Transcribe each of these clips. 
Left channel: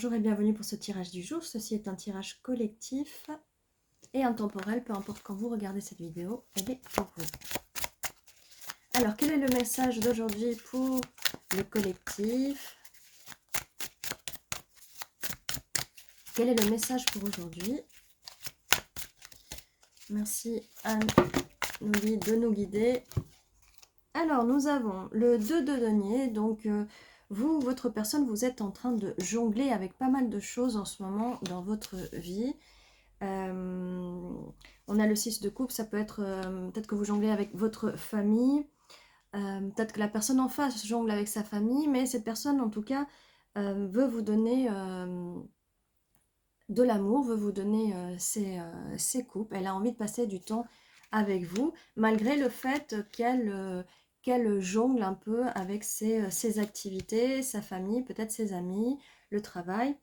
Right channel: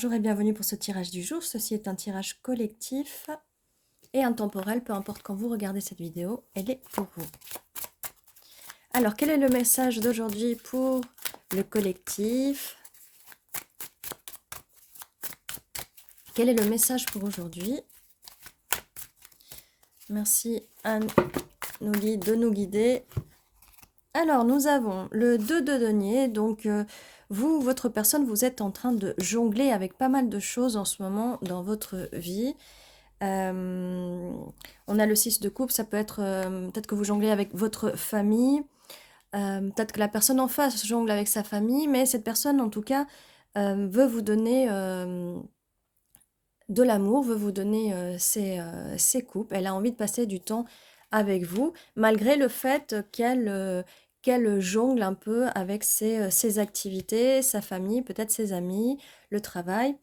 Bonjour et bienvenue pour ce tirage du jour. Ceci est un tirage collectif et intemporel, peu importe quand vous regardez cette vidéo, elle est pour vous. Alors, quel est le message d'aujourd'hui pour le collectif? Quel est le message pour aujourd'hui? Merci à nos guides de nous guider. Alors, nous avons le 2 de denier, donc vous, votre personne, vous êtes en train de jongler avec pas mal de choses en ce moment dans votre vie. On a le 6 de coupe, ça peut être peut-être que vous jonglez avec votre famille, peut-être que la personne en face jongle avec sa famille, mais cette personne en tout cas veut vous donner de l'amour, veut vous donner ses coupes, elle a envie de passer du temps avec vous, malgré le fait qu'elle jongle un peu avec ses activités, sa famille, peut-être ses amis, le travail.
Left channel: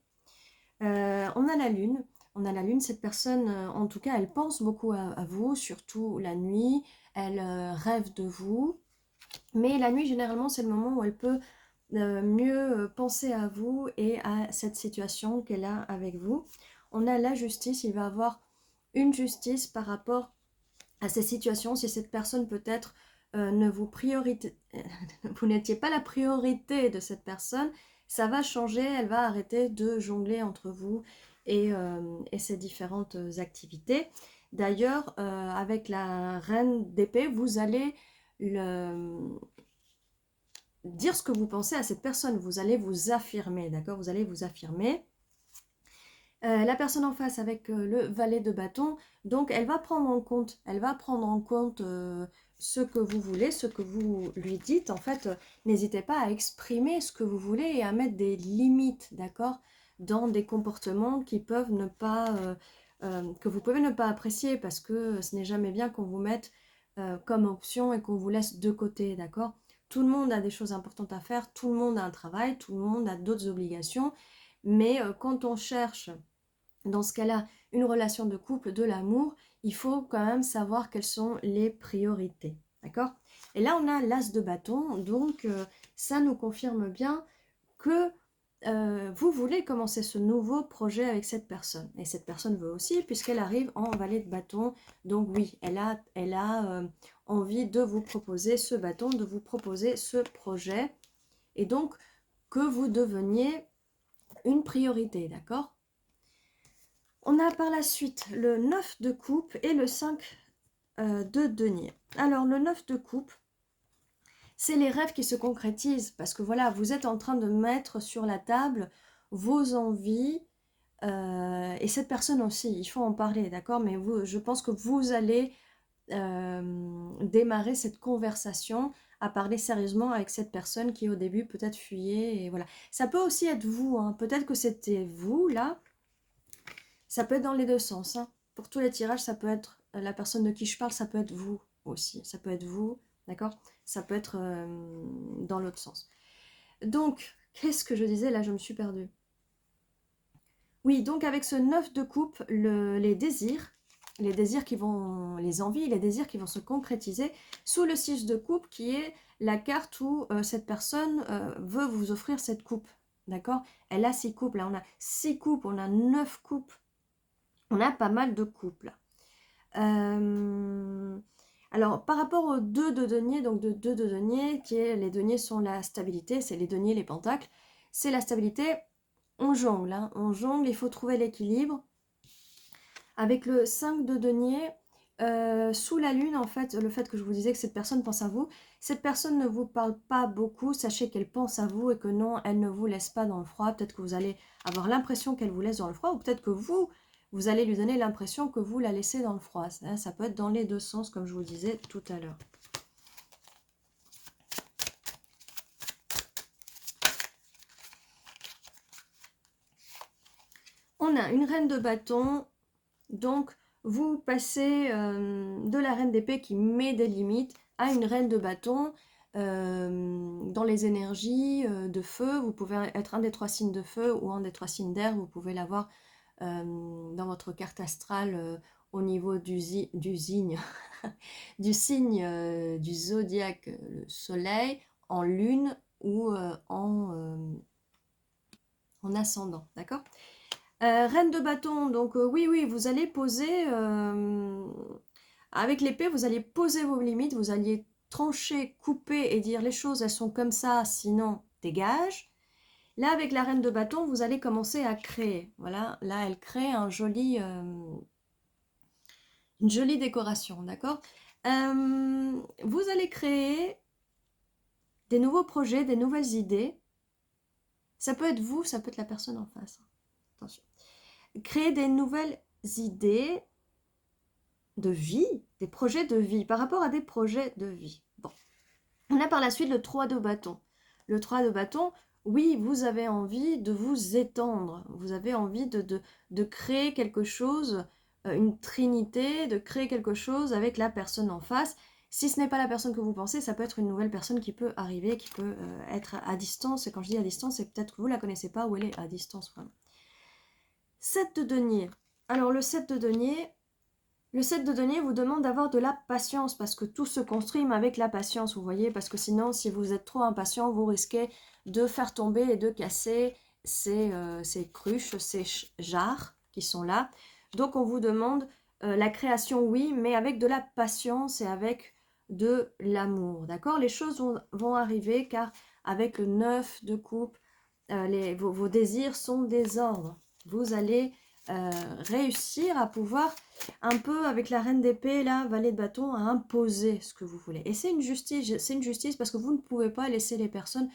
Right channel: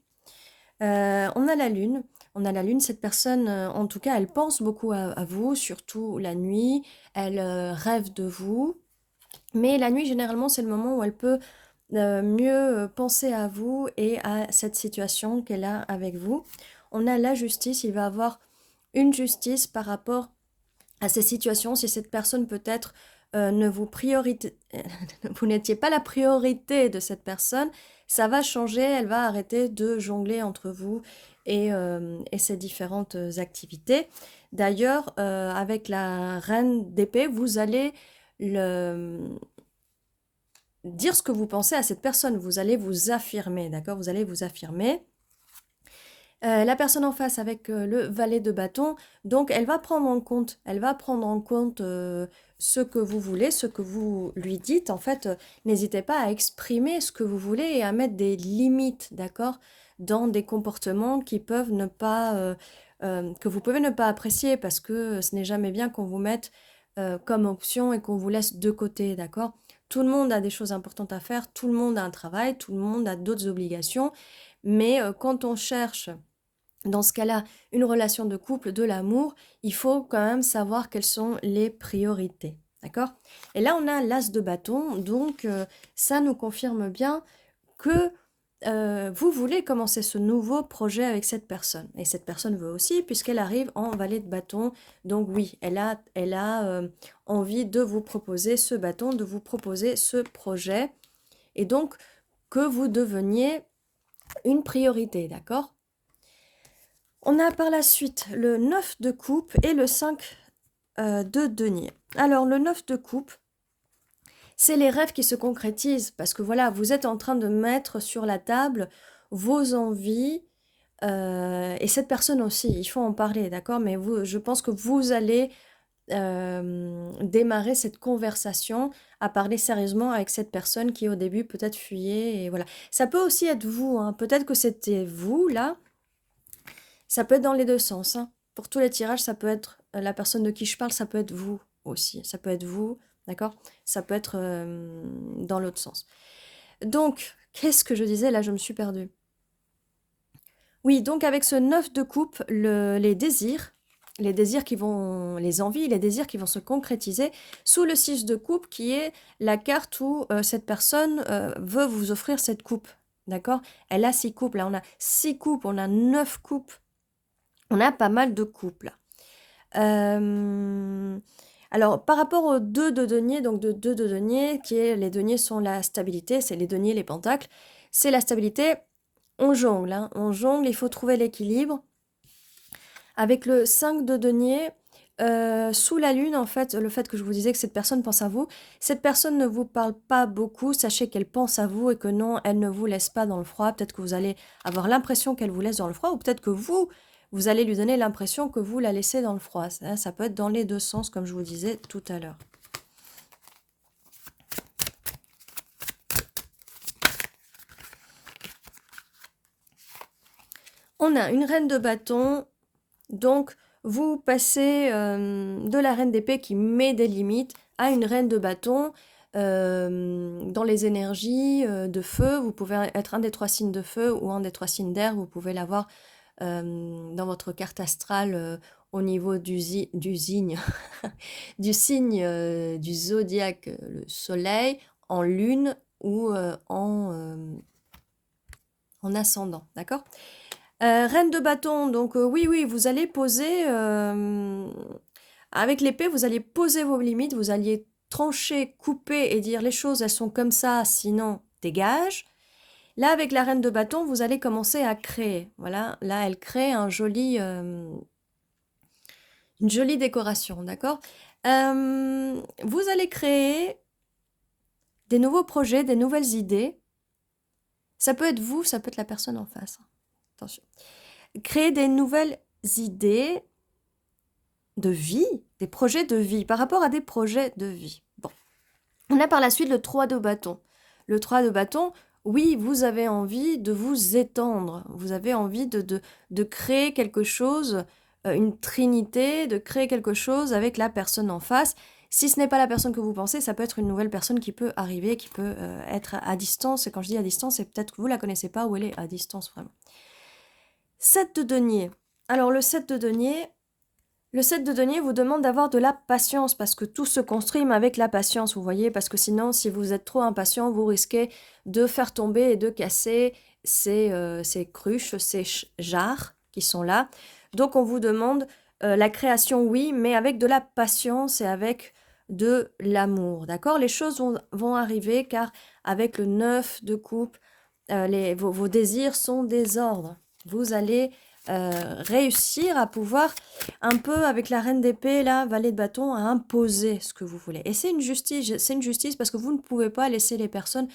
On a la lune. On a la lune, cette personne, en tout cas, elle pense beaucoup à vous, surtout la nuit. Elle rêve de vous. Mais la nuit, généralement, c'est le moment où elle peut mieux penser à vous et à cette situation qu'elle a avec vous. On a la justice. Il va avoir une justice par rapport à ces situations. Si cette personne peut-être ne vous vous n'étiez pas la priorité de cette personne, ça va changer, elle va arrêter de jongler entre vous et ces différentes activités. D'ailleurs, avec la reine d'épée, vous allez dire ce que vous pensez à cette personne, vous allez vous affirmer, d'accord? Vous allez vous affirmer. La personne en face avec le valet de bâton, donc elle va prendre en compte, ce que vous voulez, ce que vous lui dites. En fait, n'hésitez pas à exprimer ce que vous voulez et à mettre des limites, d'accord, dans des comportements qui peuvent ne pas, que vous pouvez ne pas apprécier, parce que ce n'est jamais bien qu'on vous mette comme option et qu'on vous laisse de côté, d'accord? Tout le monde a des choses importantes à faire, tout le monde a un travail, tout le monde a d'autres obligations, mais quand on cherche dans ce cas-là, une relation de couple, de l'amour, il faut quand même savoir quelles sont les priorités. D'accord? Et là, on a l'as de bâton, donc ça nous confirme bien que vous voulez commencer ce nouveau projet avec cette personne. Et cette personne veut aussi, puisqu'elle arrive en valet de bâton. Donc oui, elle a envie de vous proposer ce bâton, de vous proposer ce projet. Et donc, que vous deveniez une priorité, d'accord? On a par la suite le 9 de coupe et le 5 de denier. Alors, le 9 de coupe, c'est les rêves qui se concrétisent, parce que voilà, vous êtes en train de mettre sur la table vos envies, et cette personne aussi, il faut en parler, d'accord? Mais vous, je pense que vous allez démarrer cette conversation à parler sérieusement avec cette personne qui au début peut-être fuyait, et voilà. Ça peut aussi être vous, hein. Peut-être que c'était vous là. Ça peut être dans les deux sens, hein. Pour tous les tirages, ça peut être la personne de qui je parle, ça peut être vous aussi. Ça peut être vous, d'accord? Ça peut être dans l'autre sens. Donc, qu'est-ce que je disais? Là, je me suis perdue. Oui, donc avec ce 9 de coupe, les désirs qui vont, les envies, les désirs qui vont se concrétiser sous le 6 de coupe, qui est la carte où cette personne veut vous offrir cette coupe, d'accord? Elle a 6 coupes, là on a 6 coupes, on a 9 coupes. On a pas mal de couples. Alors, par rapport aux 2 de denier, donc de 2 de denier, qui est les deniers sont la stabilité, c'est les deniers, les pentacles, c'est la stabilité. On jongle, hein, on jongle, il faut trouver l'équilibre. Avec le 5 de denier, sous la lune, en fait, le fait que je vous disais que cette personne pense à vous, cette personne ne vous parle pas beaucoup, sachez qu'elle pense à vous et que non, elle ne vous laisse pas dans le froid. Peut-être que vous allez avoir l'impression qu'elle vous laisse dans le froid, ou peut-être que vous allez lui donner l'impression que vous la laissez dans le froid. Ça peut être dans les deux sens, comme je vous disais tout à l'heure. On a une reine de bâton, donc vous passez de la reine d'épée qui met des limites à une reine de bâton. Dans les énergies de feu, vous pouvez être un des 3 signes de feu ou un des 3 signes d'air, vous pouvez l'avoir dans votre carte astrale au niveau du signe, du signe du zodiaque, le soleil, en lune ou en ascendant, d'accord? Reine de bâton, donc oui, oui, vous allez poser, avec l'épée, vous allez poser vos limites, vous alliez trancher, couper et dire les choses, elles sont comme ça, sinon dégage. Là, avec la reine de bâton, vous allez commencer à créer. Voilà, là, elle crée une jolie décoration, d'accord? Vous allez créer des nouveaux projets, des nouvelles idées. Ça peut être vous, ça peut être la personne en face. Attention. Créer des nouvelles idées de vie, des projets de vie, par rapport à des projets de vie. Bon. On a par la suite le 3 de bâton. Le 3 de bâton, oui, vous avez envie de vous étendre, vous avez envie de créer quelque chose, une trinité, de créer quelque chose avec la personne en face. Si ce n'est pas la personne que vous pensez, ça peut être une nouvelle personne qui peut arriver, qui peut être à distance. Et quand je dis à distance, c'est peut-être que vous ne la connaissez pas ou elle est à distance vraiment. 7 de denier. Alors le 7 de denier, vous demande d'avoir de la patience parce que tout se construit mais avec la patience, vous voyez, parce que sinon, si vous êtes trop impatient, vous risquez de faire tomber et de casser ces cruches, ces jarres qui sont là. Donc, on vous demande la création, oui, mais avec de la patience et avec de l'amour, d'accord? Les choses vont arriver car avec le 9 de coupe, vos désirs sont des ordres. Vous allez réussir à pouvoir un peu avec la reine d'épée, là, valet de bâton, à imposer ce que vous voulez. Et c'est une justice parce que vous ne pouvez pas laisser les personnes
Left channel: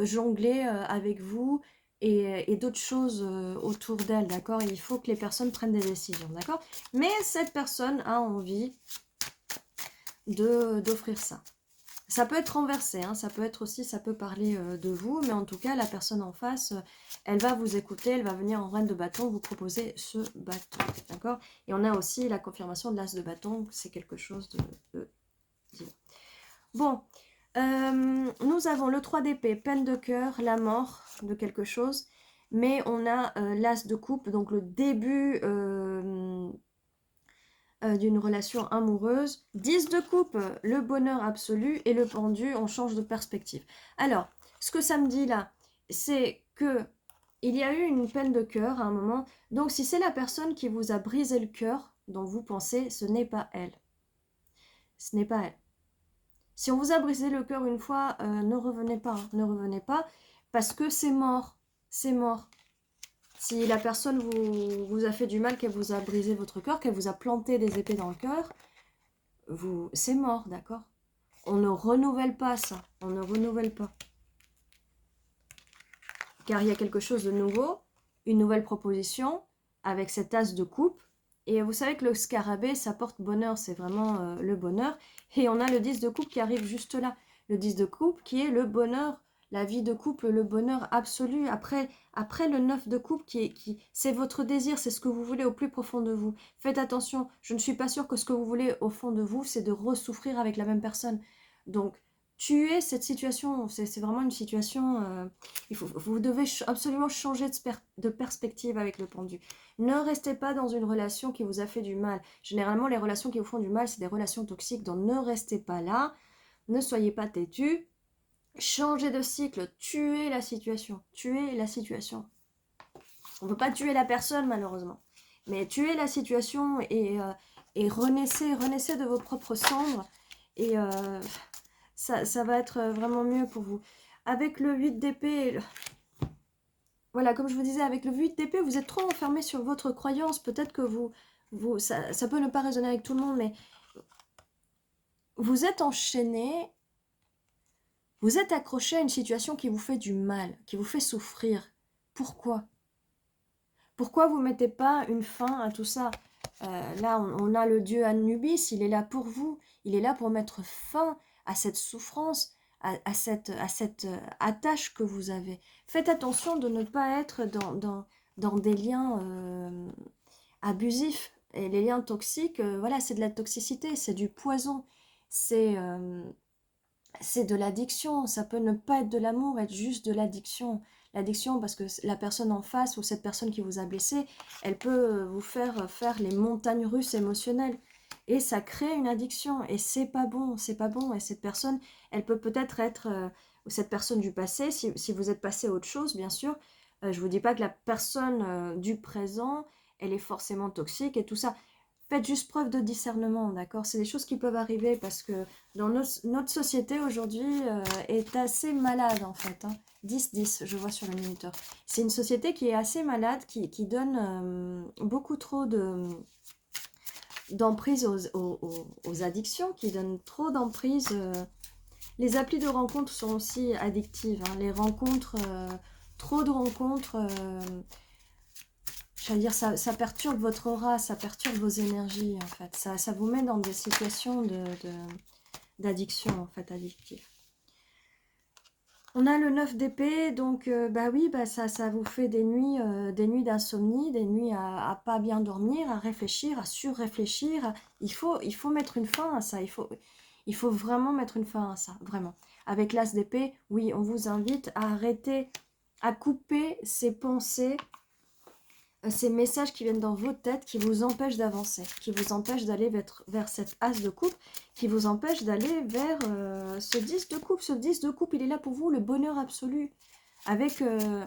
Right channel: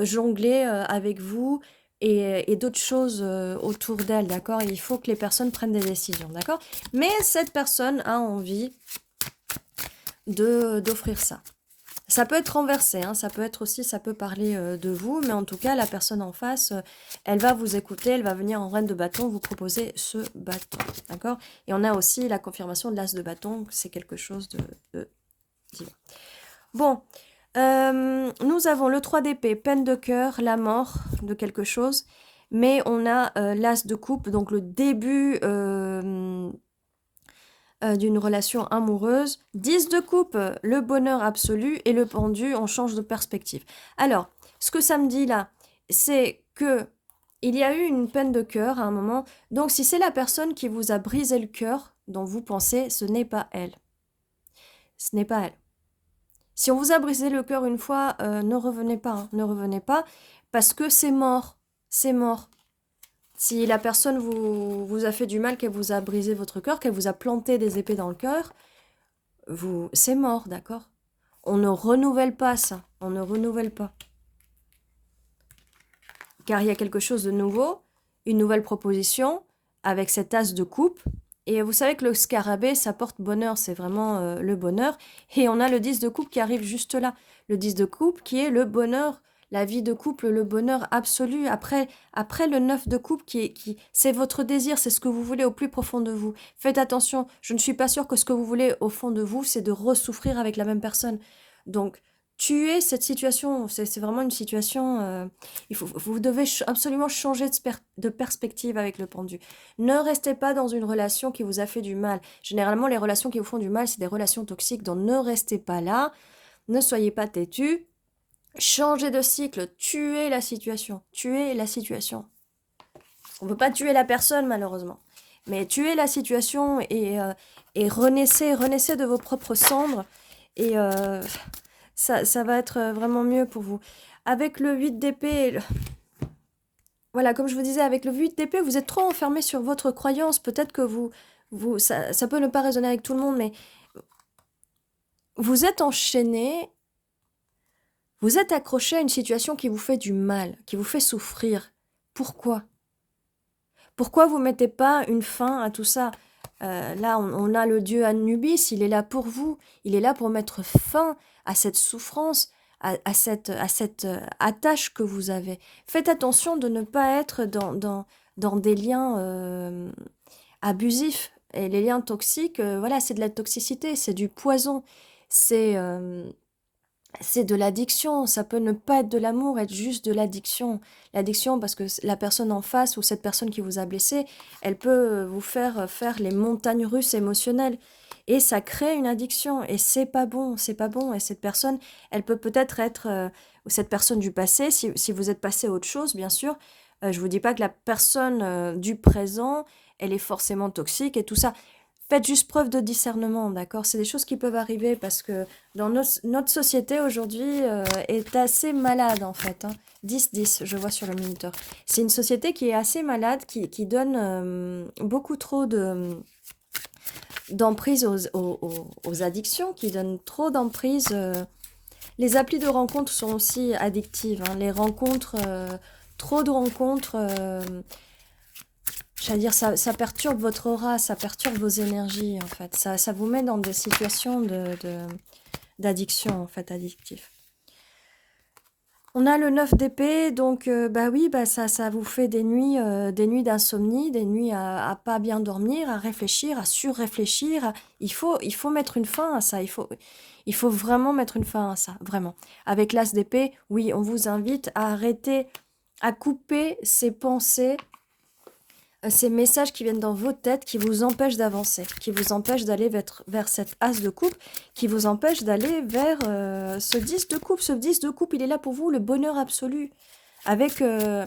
jongler avec vous et d'autres choses autour d'elles, d'accord? Il faut que les personnes prennent des décisions, d'accord? Mais cette personne a envie d'offrir ça. Ça peut être renversé, hein, ça peut être aussi, ça peut parler de vous, mais en tout cas, la personne en face, elle va vous écouter, elle va venir en reine de bâton vous proposer ce bâton, d'accord? Et on a aussi la confirmation de l'as de bâton, c'est quelque chose de divin. Bon, nous avons le 3 d'épée, peine de cœur, la mort de quelque chose, mais on a l'as de coupe, donc le début d'une relation amoureuse. 10 de coupe, le bonheur absolu, et le pendu, on change de perspective. Alors, ce que ça me dit là, c'est que il y a eu une peine de cœur à un moment. Donc, si c'est la personne qui vous a brisé le cœur, dont vous pensez, ce n'est pas elle. Ce n'est pas elle. Si on vous a brisé le cœur une fois, ne revenez pas, hein, ne revenez pas, parce que c'est mort. C'est mort. Si la personne vous a fait du mal, qu'elle vous a brisé votre cœur, qu'elle vous a planté des épées dans le cœur, c'est mort, d'accord? On ne renouvelle pas ça. On ne renouvelle pas. Car il y a quelque chose de nouveau, une nouvelle proposition, avec cet as de coupe. Et vous savez que le scarabée, ça porte bonheur, c'est vraiment le bonheur. Et on a le 10 de coupe qui arrive juste là. Le 10 de coupe qui est le bonheur, la vie de couple, le bonheur absolu. Après le 9 de coupe, c'est votre désir, c'est ce que vous voulez au plus profond de vous. Faites attention, je ne suis pas sûre que ce que vous voulez au fond de vous, c'est de ressouffrir avec la même personne. Donc, tuer cette situation, c'est vraiment une situation... vous devez absolument changer de perspective avec le pendu. Ne restez pas dans une relation qui vous a fait du mal. Généralement, les relations qui vous font du mal, c'est des relations toxiques, donc ne restez pas là. Ne soyez pas têtu. Changez de cycle. Tuez la situation. Tuez la situation. On ne peut pas tuer la personne, malheureusement. Mais tuez la situation et renaissez de vos propres cendres. Et ça va être vraiment mieux pour vous. Avec le 8 d'épée... Voilà, comme je vous disais, avec le 8 d'épée, vous êtes trop enfermé sur votre croyance. Peut-être que ça peut ne pas résonner avec tout le monde, mais vous êtes enchaîné, vous êtes accroché à une situation qui vous fait du mal, qui vous fait souffrir. Pourquoi? Pourquoi vous ne mettez pas une fin à tout ça? Là, on a le dieu Anubis, il est là pour vous, il est là pour mettre fin à cette souffrance, à cette attache que vous avez. Faites attention de ne pas être dans des liens abusifs. Et les liens toxiques, voilà, c'est de la toxicité, c'est du poison, c'est de l'addiction. Ça peut ne pas être de l'amour, être juste de l'addiction. L'addiction parce que la personne en face ou cette personne qui vous a blessé, elle peut vous faire faire les montagnes russes émotionnelles. Et ça crée une addiction. Et c'est pas bon, c'est pas bon. Et cette personne, elle peut peut-être être, ou cette personne du passé, si vous êtes passé à autre chose, bien sûr, Je vous dis pas que la personne du présent, elle est forcément toxique et tout ça. Faites juste preuve de discernement, d'accord? C'est des choses qui peuvent arriver parce que dans notre société aujourd'hui est assez malade en fait, hein. 10-10, je vois sur le minuteur. C'est une société qui est assez malade, qui donne beaucoup trop d'emprise aux addictions, qui donne trop d'emprise. Les applis de rencontres sont aussi addictives, hein. Les rencontres, trop de rencontres, j'allais dire, ça perturbe votre aura, ça perturbe vos énergies, en fait. Ça vous met dans des situations d'addiction, en fait, addictif. On a le 9 d'épée, donc bah oui, bah ça vous fait des nuits d'insomnie, des nuits à pas bien dormir, à réfléchir, à surréfléchir. Il faut mettre une fin à ça, il faut vraiment mettre une fin à ça, vraiment. Avec l'as d'épée, oui, on vous invite à arrêter, à couper ces pensées, ces messages qui viennent dans votre tête, qui vous empêchent d'avancer, qui vous empêchent d'aller vers cette as de coupe, qui vous empêchent d'aller vers ce 10 de coupe. Ce 10 de coupe, il est là pour vous, le bonheur absolu, mais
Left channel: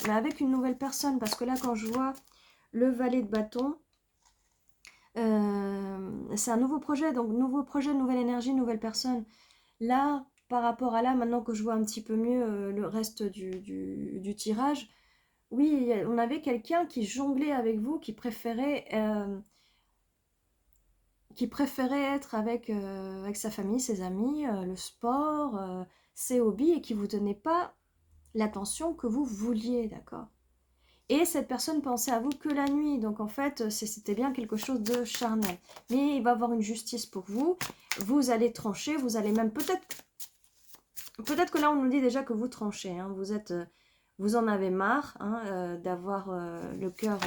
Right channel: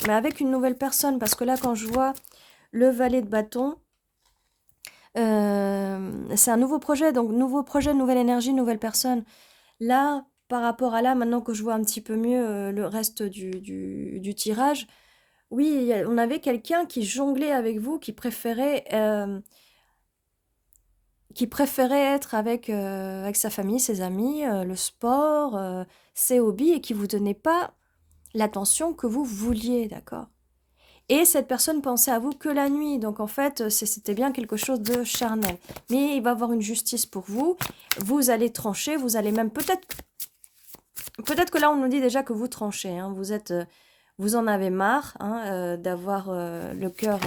avec une nouvelle personne. Parce que là, quand je vois le valet de bâton, c'est un nouveau projet, donc nouveau projet, nouvelle énergie, nouvelle personne. Là, par rapport à là, maintenant que je vois un petit peu mieux le reste du tirage, oui, on avait quelqu'un qui jonglait avec vous, qui préférait être avec sa famille, ses amis, le sport, ses hobbies, et qui vous donnait pas l'attention que vous vouliez, d'accord? Et cette personne pensait à vous que la nuit, donc en fait, c'était bien quelque chose de charnel. Mais il va y avoir une justice pour vous, vous allez trancher, vous allez même peut-être que là on nous dit déjà que vous tranchez, hein, vous en avez marre, hein, d'avoir le cœur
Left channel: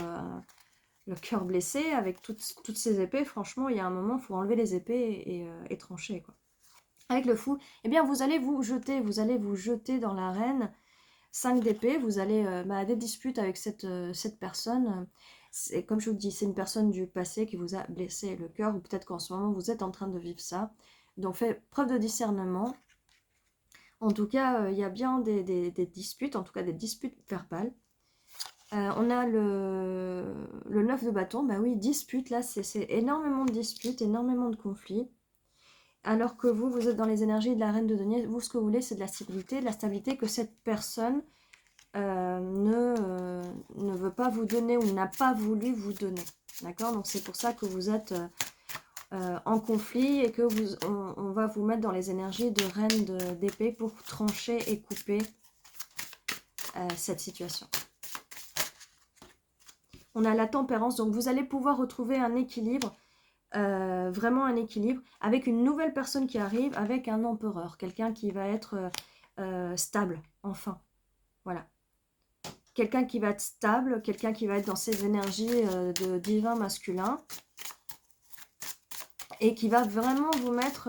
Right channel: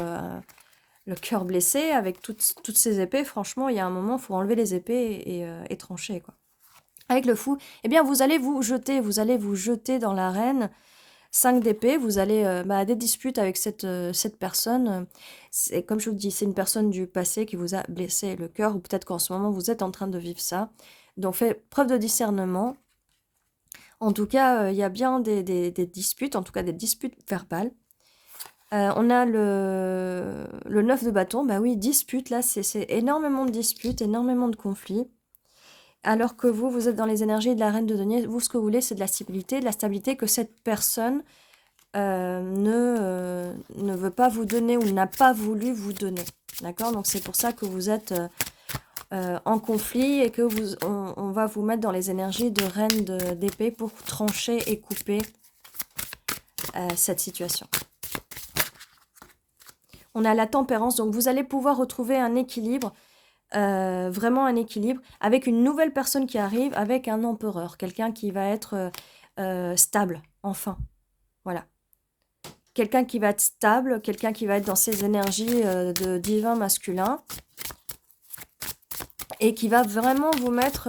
blessé avec toutes ces épées. Franchement, il y a un moment, il faut enlever les épées et trancher, quoi. Avec le fou, eh bien, vous allez vous jeter dans l'arène. 5 d'épée, vous allez des disputes avec cette personne. C'est, comme je vous dis, c'est une personne du passé qui vous a blessé le cœur, ou peut-être qu'en ce moment, vous êtes en train de vivre ça. Donc, faites preuve de discernement. En tout cas, il y a bien des disputes, en tout cas des disputes verbales. On a le 9 de bâton, bah oui, dispute, là, c'est énormément de disputes, énormément de conflits. Alors que vous êtes dans les énergies de la reine de denier, vous, ce que vous voulez, c'est de la stabilité que cette personne ne veut pas vous donner ou n'a pas voulu vous donner. D'accord? Donc c'est pour ça que vous êtes en conflit et que on va vous mettre dans les énergies de reine d'épée pour trancher et couper cette situation. On a la tempérance, donc vous allez pouvoir retrouver un équilibre, vraiment un équilibre, avec une nouvelle personne qui arrive, avec un empereur, quelqu'un qui va être stable, enfin. Voilà. Quelqu'un qui va être stable, quelqu'un qui va être dans ses énergies de divin masculin, et qui va vraiment vous mettre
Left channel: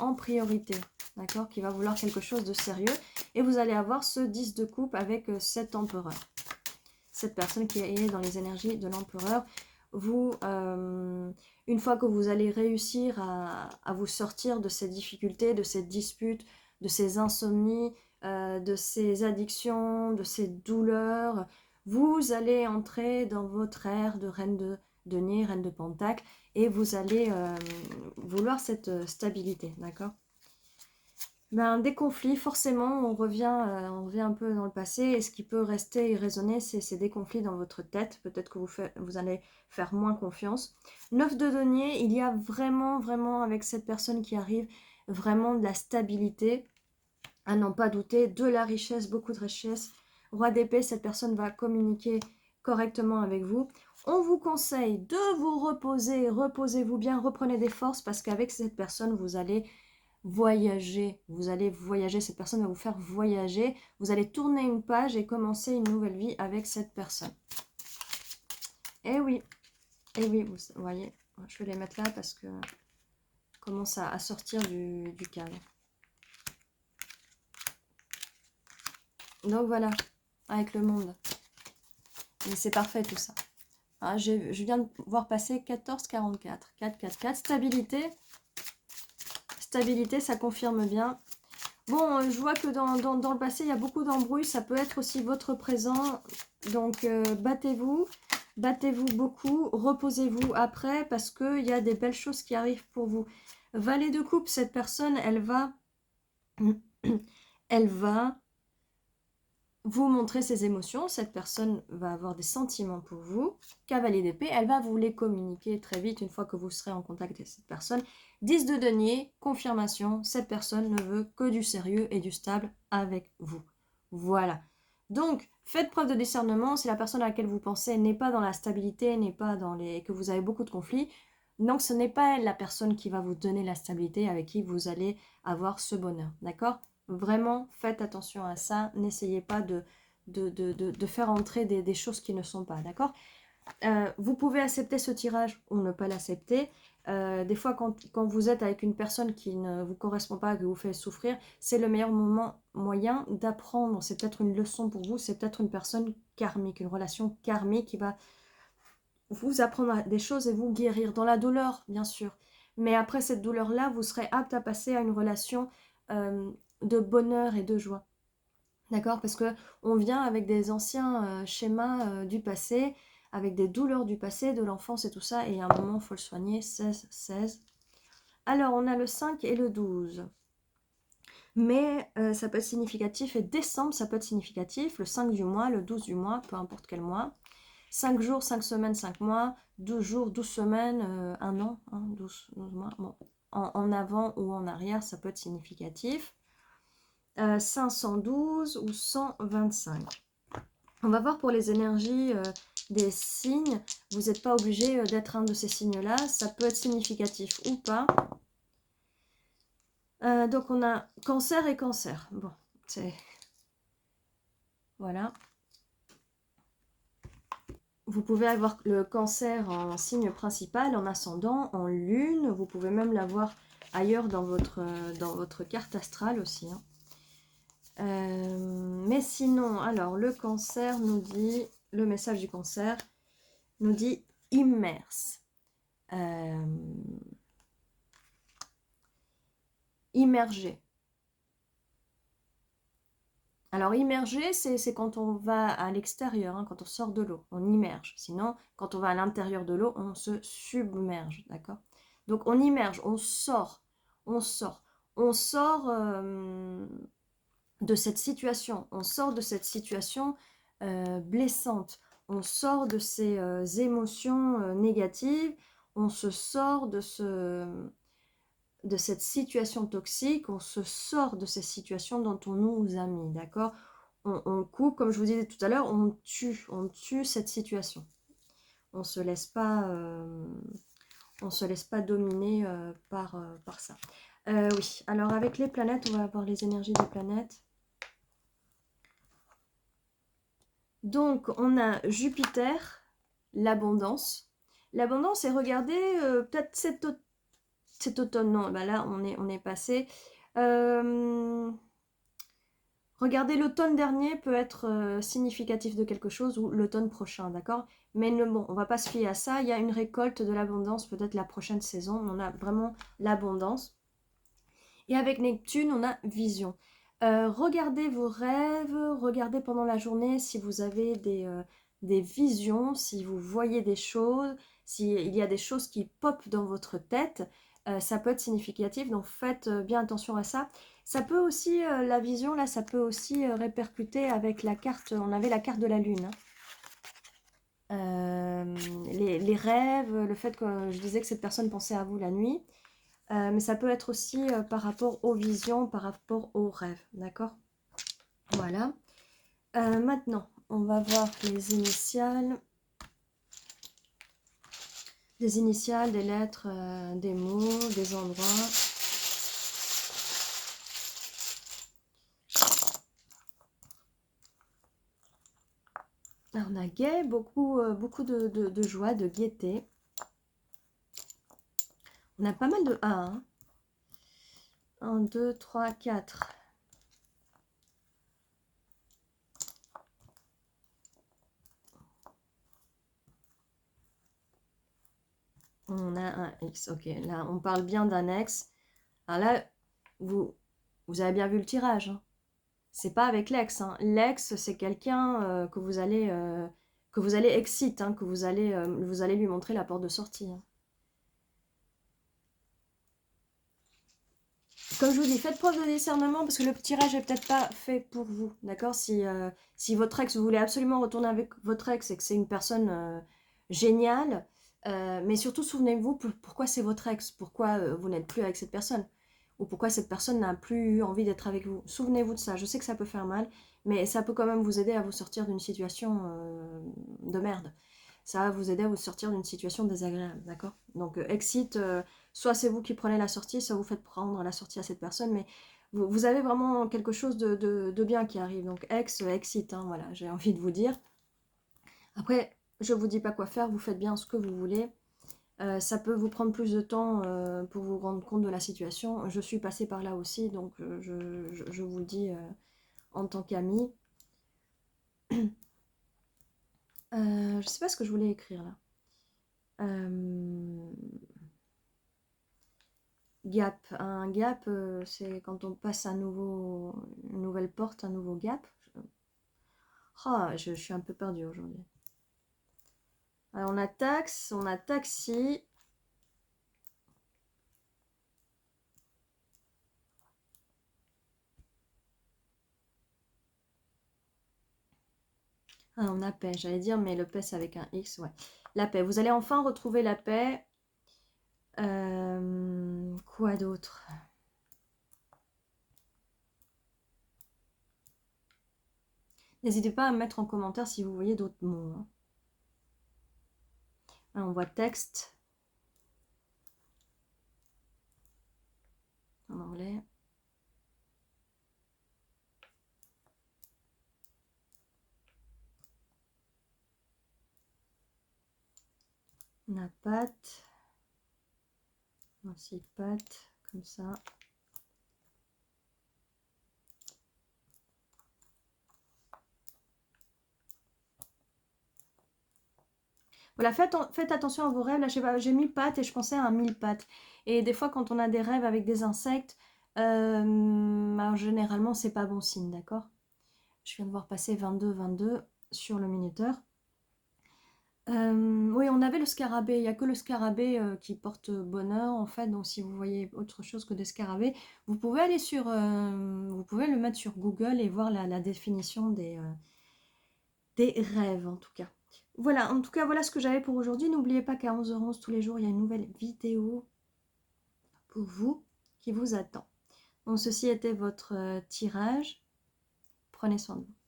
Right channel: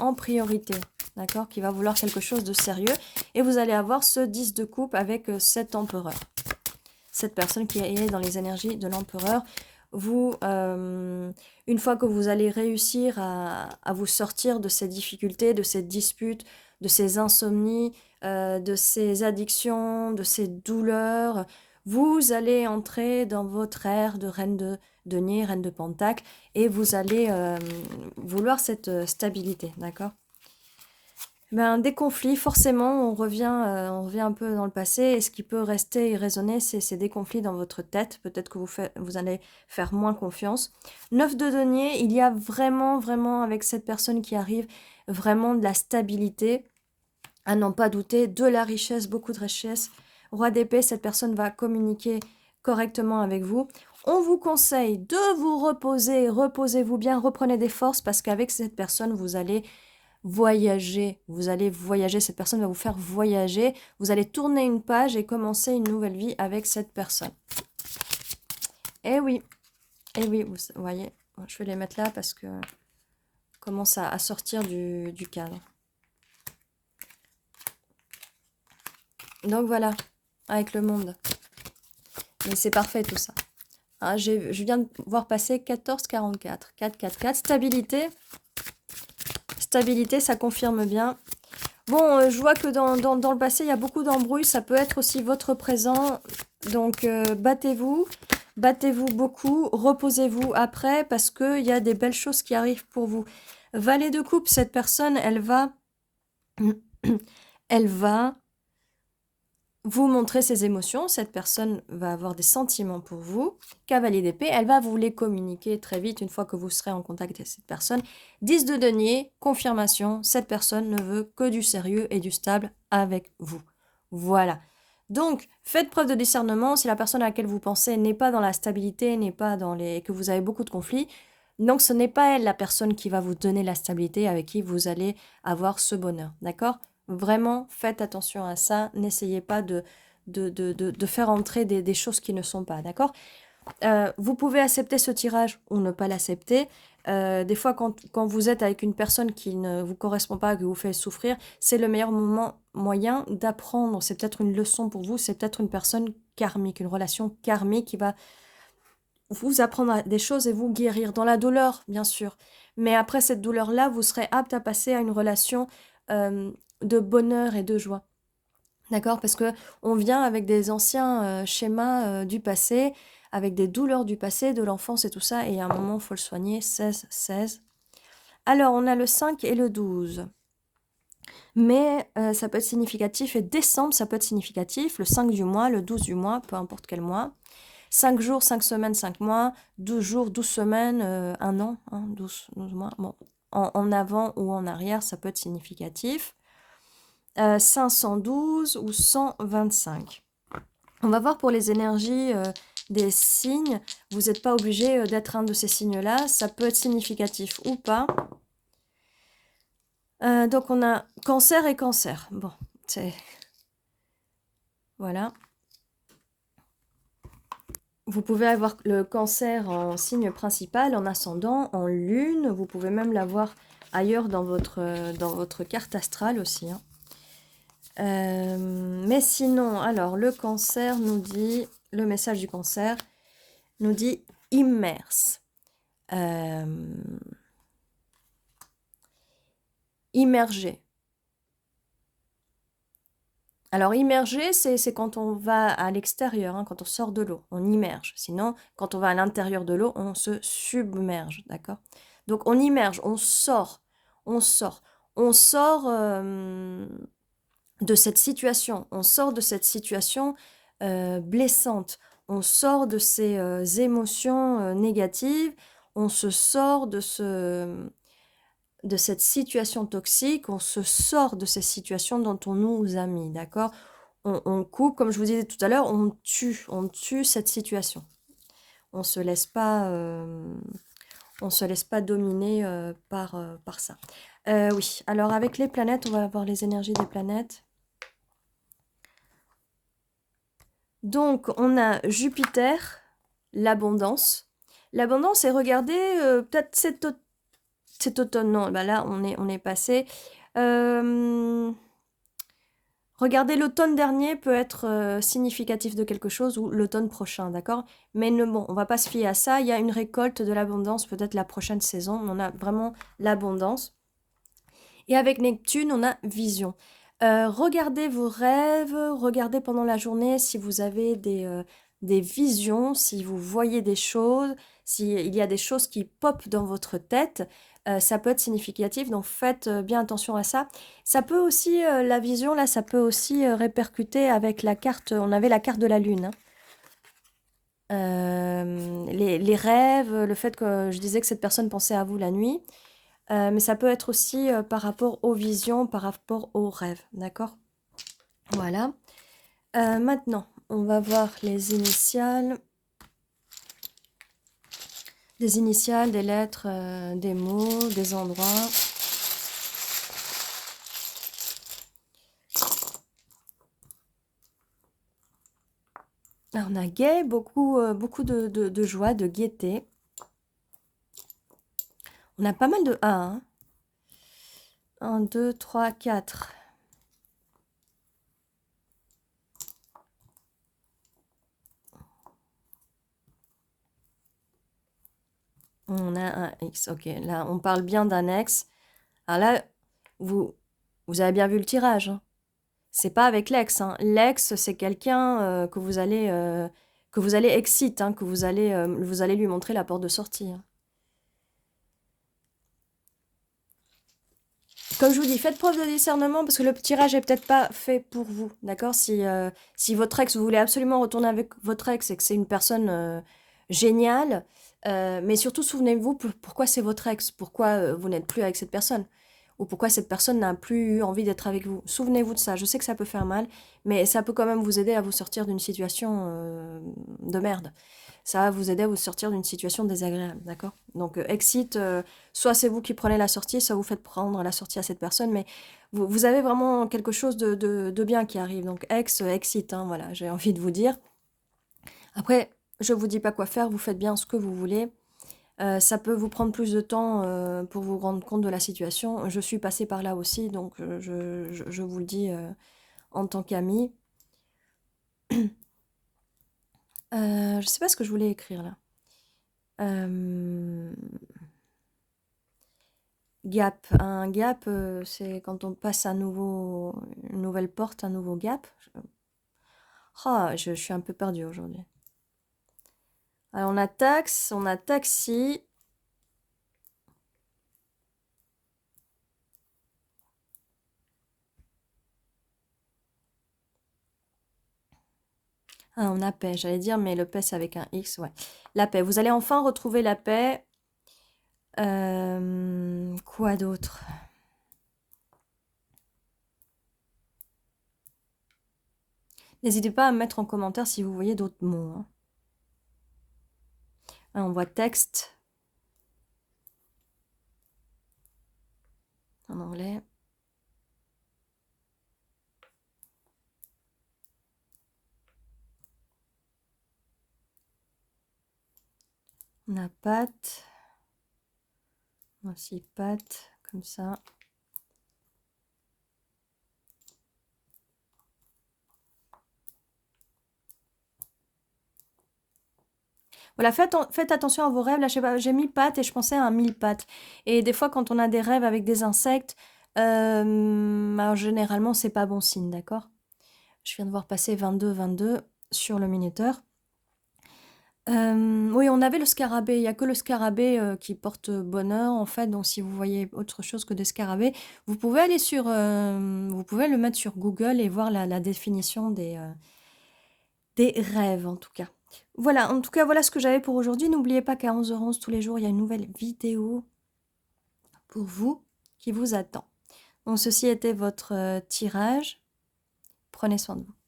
en priorité, d'accord? Qui va vouloir quelque chose de sérieux, et vous allez avoir ce 10 de coupe avec cet empereur. Cette personne qui est dans les énergies de l'empereur, vous, une fois que vous allez réussir à vous sortir de ces difficultés, de ces disputes, de ces insomnies, de ces addictions, de ces douleurs, vous allez entrer dans votre ère de reine de denier, reine de pentacle, et vous allez vouloir cette stabilité, d'accord? Des conflits, forcément, on revient un peu dans le passé, et ce qui peut rester et résonner, c'est des conflits dans votre tête. Peut-être que vous allez faire moins confiance. 9 de denier, il y a vraiment, vraiment, avec cette personne qui arrive, vraiment de la stabilité, à n'en pas douter, de la richesse, beaucoup de richesse. Roi d'épée, cette personne va communiquer correctement avec vous. On vous conseille de vous reposer, reposez-vous bien, reprenez des forces, parce qu'avec cette personne, vous allez voyager, cette personne va vous faire voyager, vous allez tourner une page et commencer une nouvelle vie avec cette personne. Eh oui, vous voyez, je vais les mettre là parce que commence à sortir du cadre. Donc voilà, avec le monde. Mais c'est parfait tout ça. Hein, je viens de voir passer 1444, 444, stabilité. Stabilité, ça confirme bien. Bon, je vois que dans le passé, il y a beaucoup d'embrouilles. Ça peut être aussi votre présent. Donc, battez-vous, battez-vous beaucoup, reposez-vous après parce qu'il y a des belles choses qui arrivent pour vous. Valet de coupe, cette personne, elle va, elle va vous montrer ses émotions. Cette personne va avoir des sentiments pour vous. Cavalier d'épée, elle va vous les communiquer très vite une fois que vous serez en contact avec cette personne. 10 de denier, confirmation, cette personne ne veut que du sérieux et du stable avec vous. Voilà. Donc, faites preuve de discernement. Si la personne à laquelle vous pensez n'est pas dans la stabilité, n'est pas dans les... que vous avez beaucoup de conflits, donc ce n'est pas elle la personne qui va vous donner la stabilité avec qui vous allez avoir ce bonheur. D'accord ? Vraiment, faites attention à ça. N'essayez pas de faire entrer des choses qui ne sont pas, d'accord? Vous pouvez accepter ce tirage ou ne pas l'accepter. Des fois, quand vous êtes avec une personne qui ne vous correspond pas, que vous fait souffrir, c'est le meilleur moyen d'apprendre. C'est peut-être une leçon pour vous, c'est peut-être une personne karmique, une relation karmique qui va vous apprendre des choses et vous guérir. Dans la douleur, bien sûr. Mais après cette douleur-là, vous serez apte à passer à une relation de bonheur et de joie. D'accord? Parce que on vient avec des anciens schémas du passé, avec des douleurs du passé, de l'enfance et tout ça, et à un moment, il faut le soigner. 16, 16. Alors, on a le 5 et le 12. Mais ça peut être significatif, et décembre, ça peut être significatif. Le 5 du mois, le 12 du mois, peu importe quel mois. 5 jours, 5 semaines, 5 mois, 12 jours, 12 semaines, 1 an, hein, 12 mois. Bon, en avant ou en arrière, ça peut être significatif. 512 ou 125. On va voir pour les énergies des signes. Vous n'êtes pas obligé d'être un de ces signes-là. Ça peut être significatif ou pas. Donc, on a cancer et cancer. Bon, c'est... Voilà. Vous pouvez avoir le cancer en signe principal, en ascendant, en lune. Vous pouvez même l'avoir ailleurs dans votre carte astrale aussi. Hein. Mais sinon, alors, le cancer nous dit... Le message du cancer nous dit immerse. Immerger. Alors, immerger, c'est quand on va à l'extérieur, hein, quand on sort de l'eau, on immerge. Sinon, quand on va à l'intérieur de l'eau, on se submerge, d'accord? Donc, on immerge, on sort, on sort. On sort de cette situation, on sort de cette situation blessante, on sort de ces émotions négatives, on se sort de cette situation toxique, on se sort de ces situations dont on nous a mis, d'accord? On coupe, comme je vous disais tout à l'heure, on tue cette situation. On se laisse pas dominer par ça. Oui, alors avec les planètes, on va avoir les énergies des planètes. Donc, on a Jupiter, l'abondance. L'abondance, et regardez, peut-être cet automne, non, bah là, on est passé. Regardez, l'automne dernier peut être significatif de quelque chose ou l'automne prochain, d'accord? Mais bon, on va pas se fier à ça. Il y a une récolte de l'abondance, peut-être la prochaine saison. On a vraiment l'abondance. Et avec Neptune, on a vision. Regardez vos rêves, regardez pendant la journée si vous avez des visions, si vous voyez des choses, s'il y a des choses qui popent dans votre tête. Ça peut être significatif, donc faites bien attention à ça. Ça peut aussi, la vision, là, ça peut aussi répercuter avec la carte, on avait la carte de la lune. Hein. Les rêves, le fait que je disais que cette personne pensait à vous la nuit. Mais ça peut être aussi par rapport aux visions, par rapport aux rêves, d'accord? Voilà. Maintenant, on va voir les initiales. Des initiales, des lettres, des mots, des endroits. Alors, on a gai, beaucoup de joie, de gaieté. On a pas mal de A. Hein. 1, 2, 3, 4. On a un X. Ok, là, on parle bien d'un ex. Alors là, vous avez bien vu le tirage. Hein. C'est pas avec l'ex, hein. L'ex, c'est quelqu'un que vous allez exit, hein, que vous allez lui montrer la porte de sortie, hein. Comme je vous dis, faites preuve de discernement parce que le tirage est peut-être pas fait pour vous, d'accord? Si votre ex, vous voulez absolument retourner avec votre ex et que c'est une personne géniale, mais surtout souvenez-vous pourquoi c'est votre ex, pourquoi vous n'êtes plus avec cette personne, ou pourquoi cette personne n'a plus eu envie d'être avec vous. Souvenez-vous de ça. Je sais que ça peut faire mal, mais ça peut quand même vous aider à vous sortir d'une situation de merde. Ça va vous aider à vous sortir d'une situation désagréable, d'accord? Donc, exit, soit c'est vous qui prenez la sortie, soit vous faites prendre la sortie à cette personne, mais vous avez vraiment quelque chose de bien qui arrive. Donc, exit, hein, voilà, j'ai envie de vous dire. Après, je ne vous dis pas quoi faire, vous faites bien ce que vous voulez. Ça peut vous prendre plus de temps pour vous rendre compte de la situation. Je suis passée par là aussi, donc je vous le dis en tant qu'amie. Je ne sais pas ce que je voulais écrire là. Gap. Un gap, c'est quand on passe une nouvelle porte, un nouveau gap. Ah, je suis un peu perdue aujourd'hui. Alors, on a taxi. Ah, on a paix, j'allais dire, mais le paix, c'est avec un X, ouais. La paix. Vous allez enfin retrouver la paix. Quoi d'autre? N'hésitez pas à me mettre en commentaire si vous voyez d'autres mots, hein. Ah, on voit texte en anglais. On a pâte. Voici pâte, comme ça. Voilà, faites attention à vos rêves. Là, je sais pas, j'ai mis pâte et je pensais à un mille pattes. Et des fois, quand on a des rêves avec des insectes, alors, généralement, c'est pas bon signe, d'accord? Je viens de voir passer 22 sur le minuteur. Oui, on avait le scarabée. Il n'y a que le scarabée qui porte bonheur, en fait. Donc, si vous voyez autre chose que des scarabées, vous pouvez aller vous pouvez le mettre sur Google et voir la définition des rêves, en tout cas. Voilà, en tout cas, voilà ce que j'avais pour aujourd'hui. N'oubliez pas qu'à 11h11 tous les jours, il y a une nouvelle vidéo pour vous qui vous attend. Donc, ceci était votre tirage. Prenez soin de vous.